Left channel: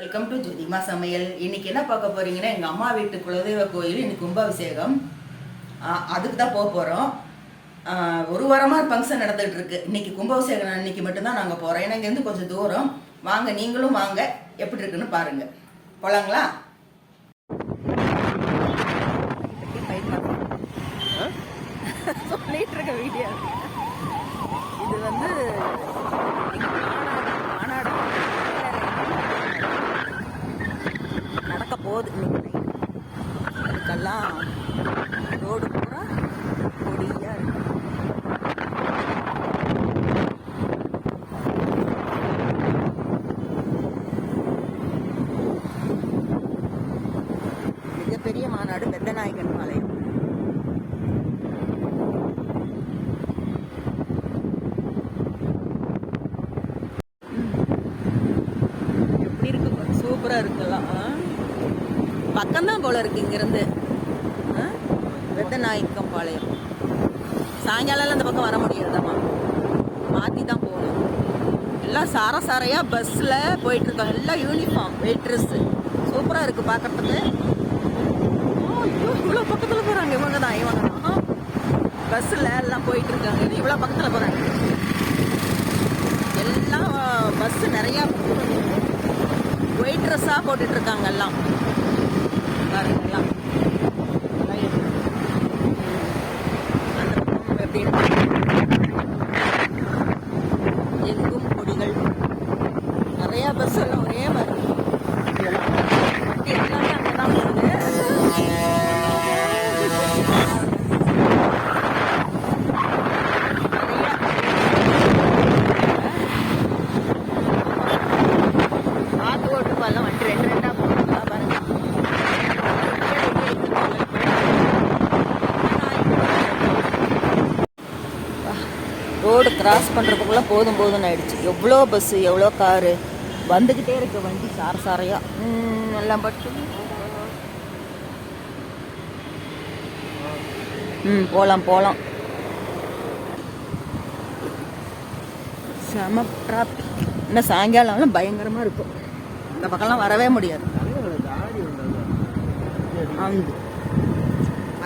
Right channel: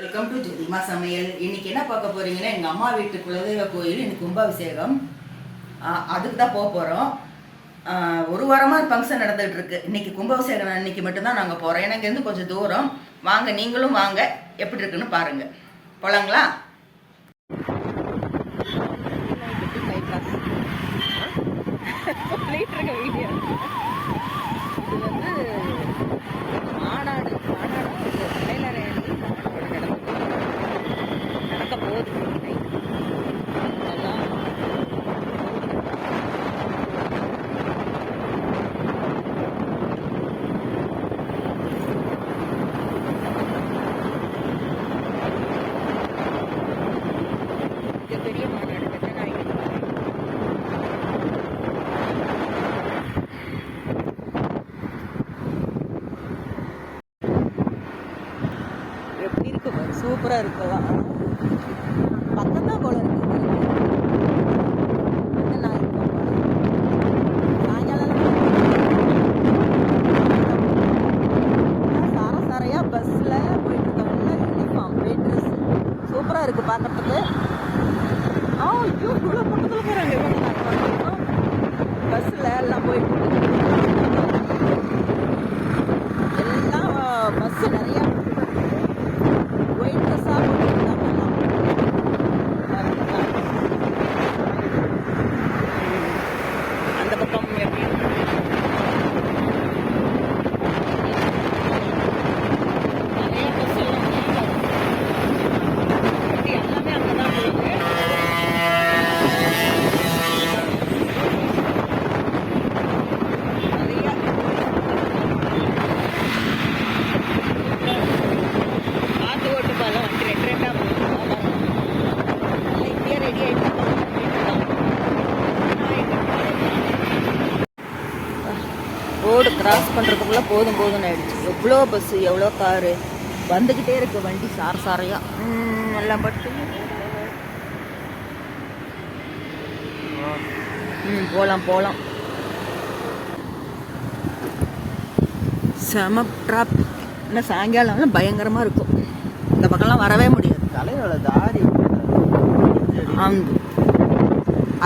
Welcome to ஜெதிமா சமையல். இன்னைக்கு என்ன பார்க்க போறீங்கன்னா, எங்கள் அம்மா வீட்டு குலதெய்வ கோயில் இன்னைக்கு கும்பாபிஷேகம். அதுக்கு தான் போக போகிறோம். ஒரு வாரமாக ஃபங்க்ஷன் நடந்துகிட்டு இருக்கு. இன்னைக்கு கும்பாபிஷேகம் அன்னைக்கு மட்டும்தான் நாங்கள் போகிறோம். ஏன்னா இங்கேருந்து கொஞ்சம் தூரம். வாங்க, நீங்களும் வாங்க, எப்படி இருக்குன்னு பாருங்க. போலாங்களா? வீடியோ இது வந்து நடக்க போகுது. அதுக்கெல்லாம் ரோடு மிகப்பெரிய மாநாடு பெத்தநாயக்கன் பாளையம். எப்படி இருக்கு பாரு, சூப்பரா இருக்கலாம். பக்கம்தான் போல இருக்கு இங்கிருந்து. பெத்தநாயக்கன் பாளையம். சாயங்காலம் அந்த பக்கம் வர முடியாது, மாற்றி தான் போகணும். எல்லாம் சாரையா பஸ்ஸில் போயிட்டு இருக்காங்க. எல்லாம் யூனிஃபார்ம், வெயிட் ட்ரெஸ்ஸு. சூப்பராக இருக்குது பார்க்கறதுக்கு. ஐயோ, இவ்வளோ பக்கத்தில் போகிறாங்க. இவங்க தான் பஸ்ஸில் எல்லாம் போயிட்டு இருக்காங்க. இவ்வளோ பக்கத்தில் போகிறாங்க. எல்லாம் பஸ்ஸு நிறையா ஒயிட் ட்ரெஸ்ஸாக போட்டுட்ருக்காங்க எல்லாம். பாருங்களா, அந்த பக்கம் எப்படி நிறையா பஸ் எல்லாம் ஒரே மாதிரி வண்டி எல்லாமே அங்கே தான் போகுது. நிறையா பார்த்து ஓட்டு பாருங்க, வண்டி ரெண்டு ரெண்டாக போகுது. ரோடு கிராஸ் பண்ணுறதுக்குள்ளே போதும்னு ஆயிடுச்சு. எவ்வளோ பஸ்ஸு, எவ்வளோ காரு வந்துக்கிட்டே இருக்கு. வண்டி சாரையா எல்லாம் பட்டு. போகலாம். செம டிராஃபிக். இன்னும் சாயங்காலம் பயங்கரமாக இருக்கும். இந்த பக்கம்லாம் வரவே முடியாது.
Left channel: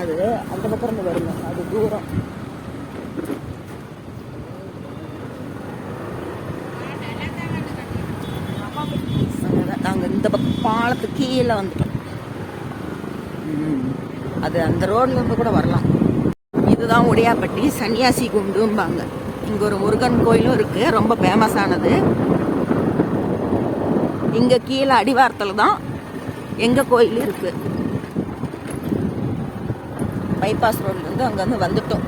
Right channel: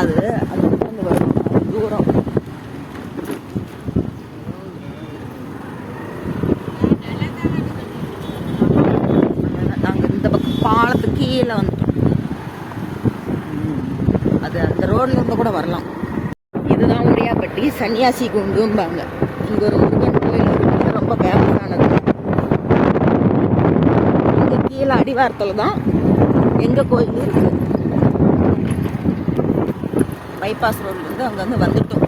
அது அந்த பக்கம் வரும், அது தூரம். நாங்கள் இந்த பக்கம் பாலத்துக்கு கீழே வந்துட்டோம். அது அந்த ரோட்ல இருந்து கூட வரலாம். இதுதான் உடையாப்பட்டி சன்னியாசி குண்டும்பாங்க. இங்கே ஒரு முருகன் கோயிலும் இருக்கு, ரொம்ப ஃபேமஸானது. இங்கே கீழே அடிவாரத்தில் தான் எங்கள் கோயில் இருக்கு. பைபாஸ் ரோட்லேருந்து அங்கேருந்து வந்துட்டோம்.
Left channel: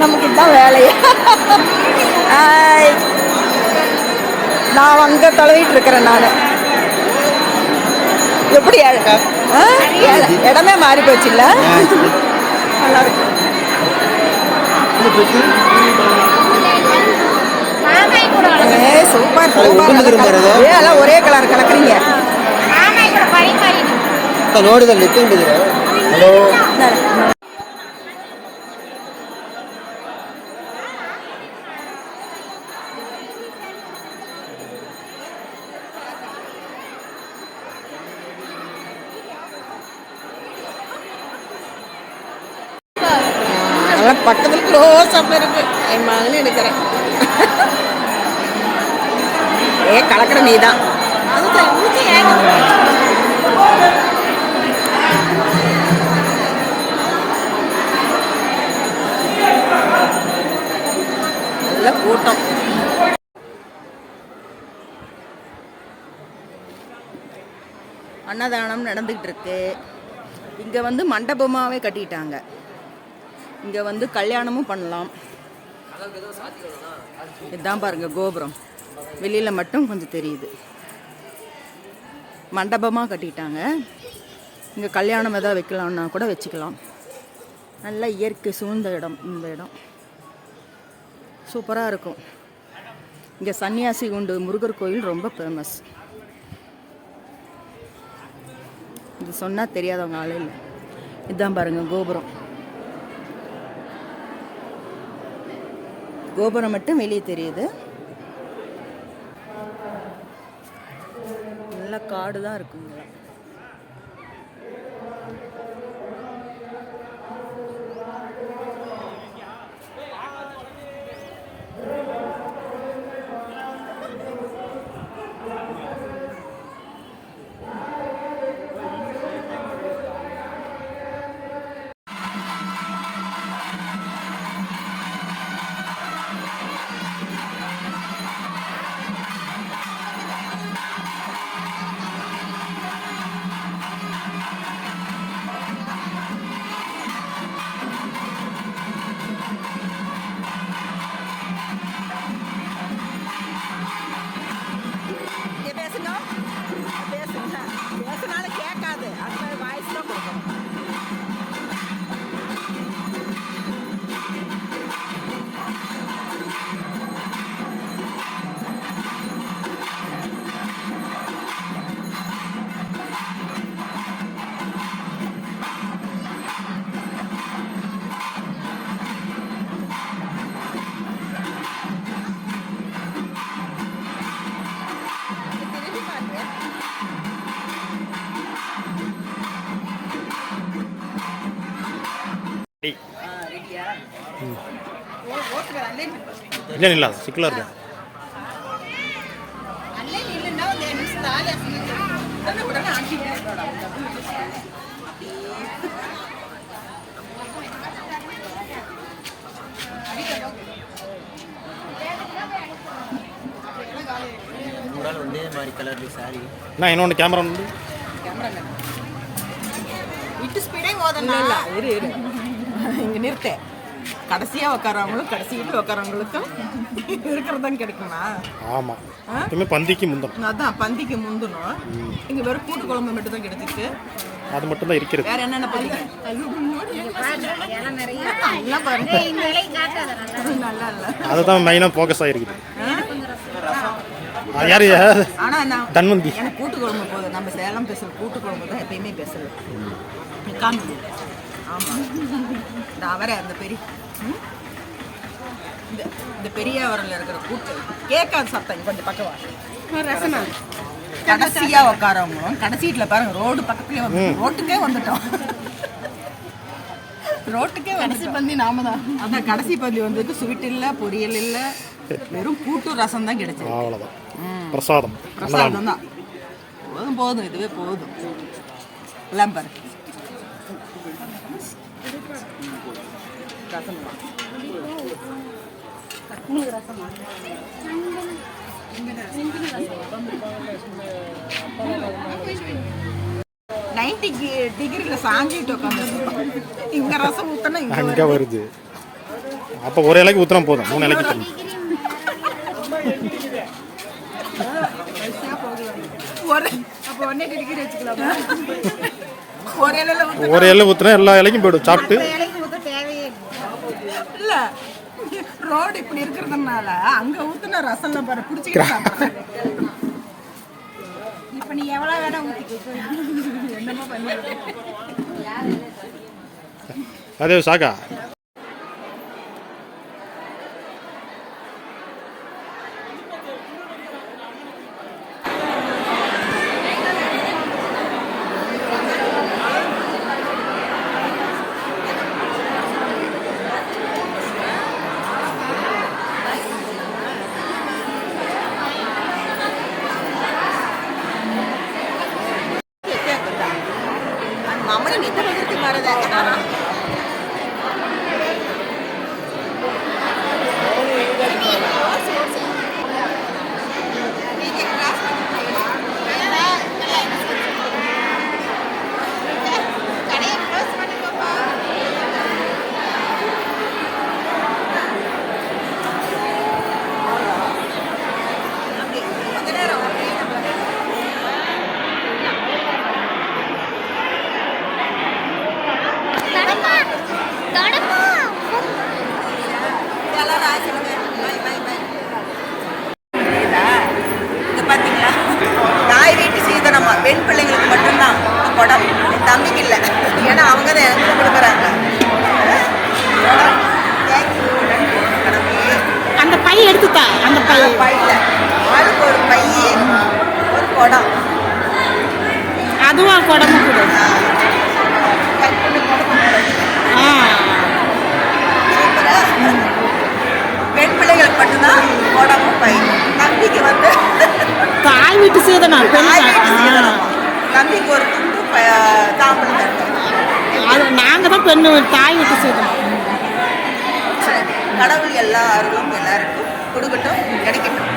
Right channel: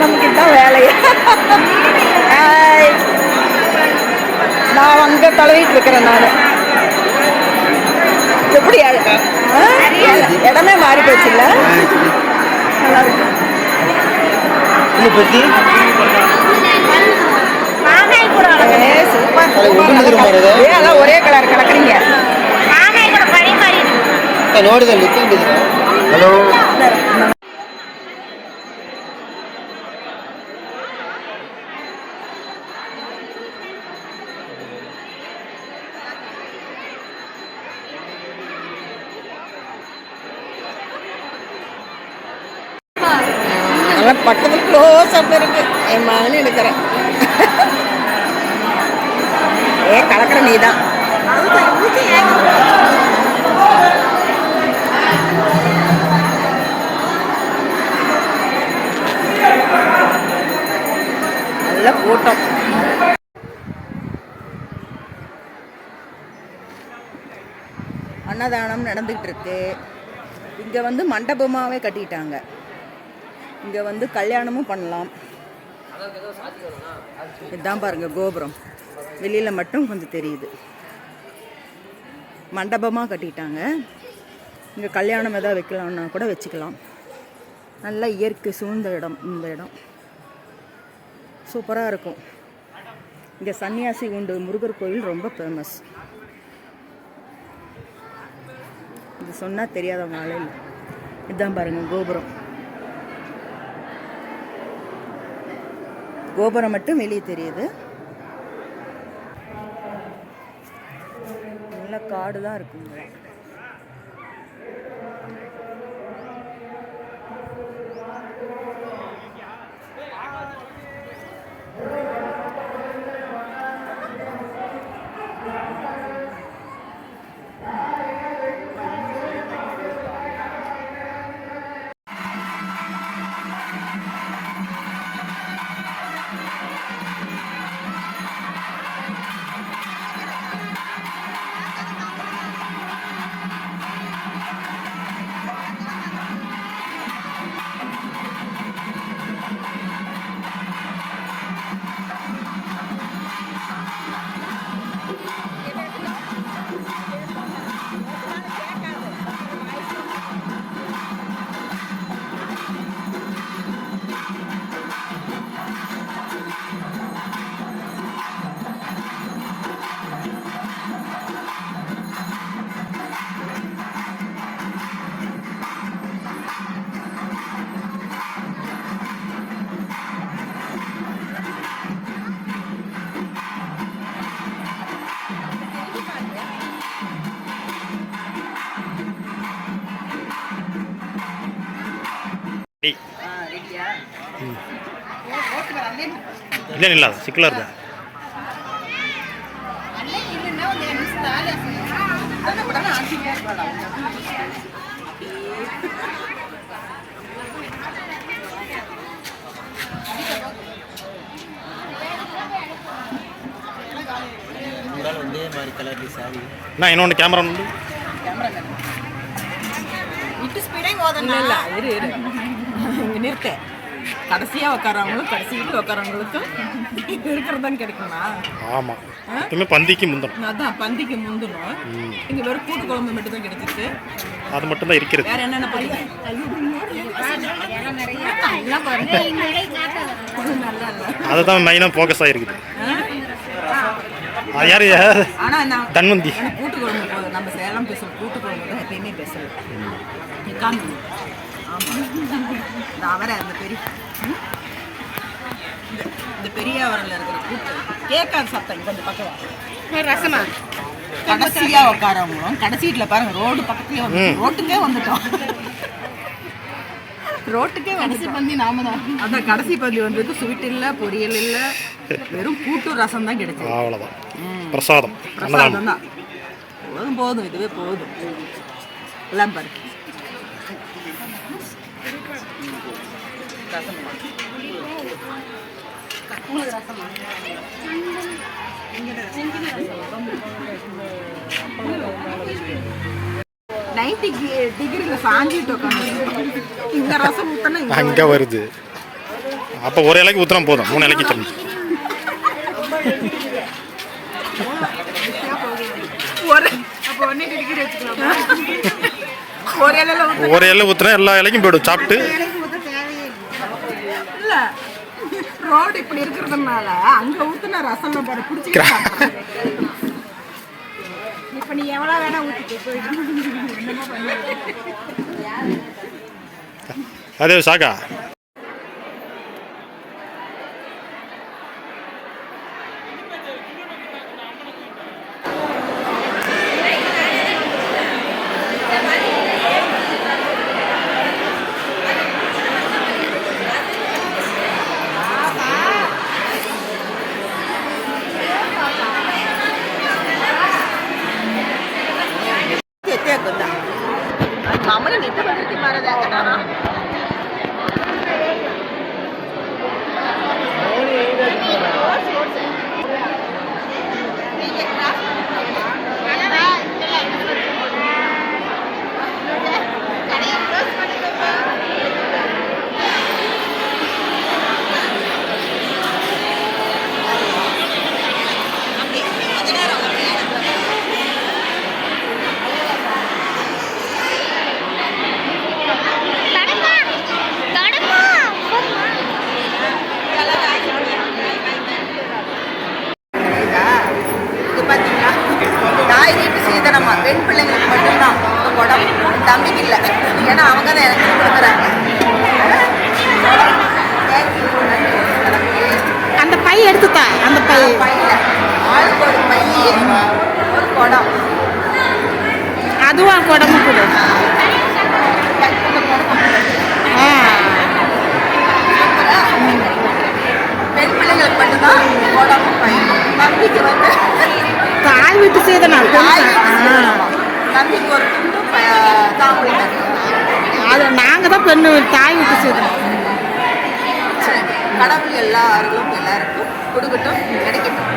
நமக்கு தான் வேலையா? நான் அங்கே தடவிட்டு இருக்கிறேன். நான் எப்படி இடமே மாறி போச்சு இல்லை? நல்லா இருக்கு. சூப்பர் எல்லாம் ஒரே கலர் கலக்குறீங்க. ஹலோ, பக்கத்தில் க்ளோஸ் அப் இருக்கு. என் மகனு எடுக்கிறேன். கலக்கிற நீ தான். நல்ல கூட்டம். அன்னதானம் நடந்துக்கிட்டு இருக்கு. இங்கே வந்து மண்டபமாகவே கட்டிட்டாங்க. இங்கே வந்து கல்யாணமும் பண்ணலாம். இதுதான் பாருங்கள் கோபுரம், வெளியில் மட்டும் கொஞ்சம் தெரியுது. மண்டபமாக கட்டிட்டாங்க. இங்கே கல்யாணம் எதாவது வைக்கலாம்னா கூட வச்சுக்கலாம். நல்ல இயற்கை சூழ்ந்த இடம். இந்த இடம் சூப்பராக இருக்கும். இங்கே சன்னியாசி குண்டு முருகர் கோயில் ரொம்ப ஃபேமஸ். இது சொன்னால் தெரியாதவங்க ஆளே இல்லை. இதுதான் பாருங்கள் கோபுரம். கோபுரம் மட்டும் வெளியே தெரியுது. நல்ல காடு தான் இருக்குங்க. ಇಲ್ಲ ಇಲ್ಲ ಸಿಕ್ಲರ್ದ ನಾ ಇನ್ನೊಂದು ಕ್ಯಾಮ್ರಾ ಉಂಟು இங்கே நிறுத்த கடைசியாக உட்காரவங்களும் கடைசிக்கிட்டு உட்காரவங்களுக்கும் இருக்கிறதான் கிடைக்குமா? ஆமாம், எப்பவுமே பந்திக்கு முந்தணும். அதான் பந்திக்கு முந்தணும். இங்கே வெறும் கூட்டு குழம்பு மட்டும் தான் கிடைச்சிருக்கு. அது மட்டும் தான் இருக்கிறது. வேற என்னென்ன பண்ணீங்க? நல்லா இல்லை, அதுதான் மெயினாக ஃபோக்கஸ் ஆகிருக்குது. அது யாரு? ஆனால் நான் தன்வந்தி எனக்கு கூட்டு குழம்பு போதும். நம்ம சேலம் பேசல கூட்டு குழம்பு தான் எப்பயுமே பேசல. உட்காந்து ஆமாம், இந்த அவரை அந்த பெரிய இந்த பெரிய அவரில் இருக்கிற கூட்டு கேட்காது சத்தம். கொஞ்சம் பக்கவா ரசமா கடைசியாக உட்காரவங்களும் கடைசீட்டில் பாருங்க ரோடு பக்கத்துலேயே வந்து ரோட்டுக்கே வந்துட்டோம். ரோட்டுக்கே கடைசி பந்தி நாம தான். அதான் கடைசி பந்தி வந்ததுக்கு ஸ்வீட் இல்லை, பொரியல் இல்லை, வெறும் கூட்டு ரசம் தான் கிடைச்சது. அவ்வளோதான், பிரசாதம். பிரசாதம் தான். போதும் போதும், இதுவே போதும். எல்லாம் பாருங்க டிகிரியில் சாஞ்சிட்டு உட்காந்து இந்த ரசம் ஊற்றினா அங்கே வருது. அப்போ ஒரு இலைக்கு ஊற்றினா போதும், 3 இலைக்கு தண்ணி. ஒரு இலை ஊற்றினா எல்லா இலைக்கும் போய்டும் சாப்பிட்டு. இல்லை, ரோடு இப்படி இருக்கிறதுனால அங்கே ஊற்றின ரசம் பாரு பிடிச்சிக்கிறேன். இப்போ நீ எவ்வளோ வேணா ஊற்றிட்டு அதே சாக்கா. मामूली नेता बदलती मारा जाता ना. குடம் தம்பிக்கு இல்லை, ஏன்னா அவங்க தான் எனக்கு கொடுக்குறாங்க. குடம். தேங்க்யூ, நன்றி கடவுளே. அந்த பை எடுத்துத்தா, அந்த பை. பையில ஆளுக்கு ஒரு பை, ஒரு குடம். அதுவும் குடமும் கொடு. ஆ சூப்பரா. பெண் பிள்ளைகளுக்கு மட்டும்தான் குடமும் பை. தம்பிக்கு வந்து தாய் வீட்டு செய்தனால் தம்பிக்கு ஒரு துண்டு தாம்பூலம் தட்டு. அது நாங்கள் தான் பெண்ணு தாய் வீட்டு செய்தோம். கடவுள் எல்லா அருளும் எல்லாருக்கும் கொடுக்கட்டும், கிடைக்கட்டும்.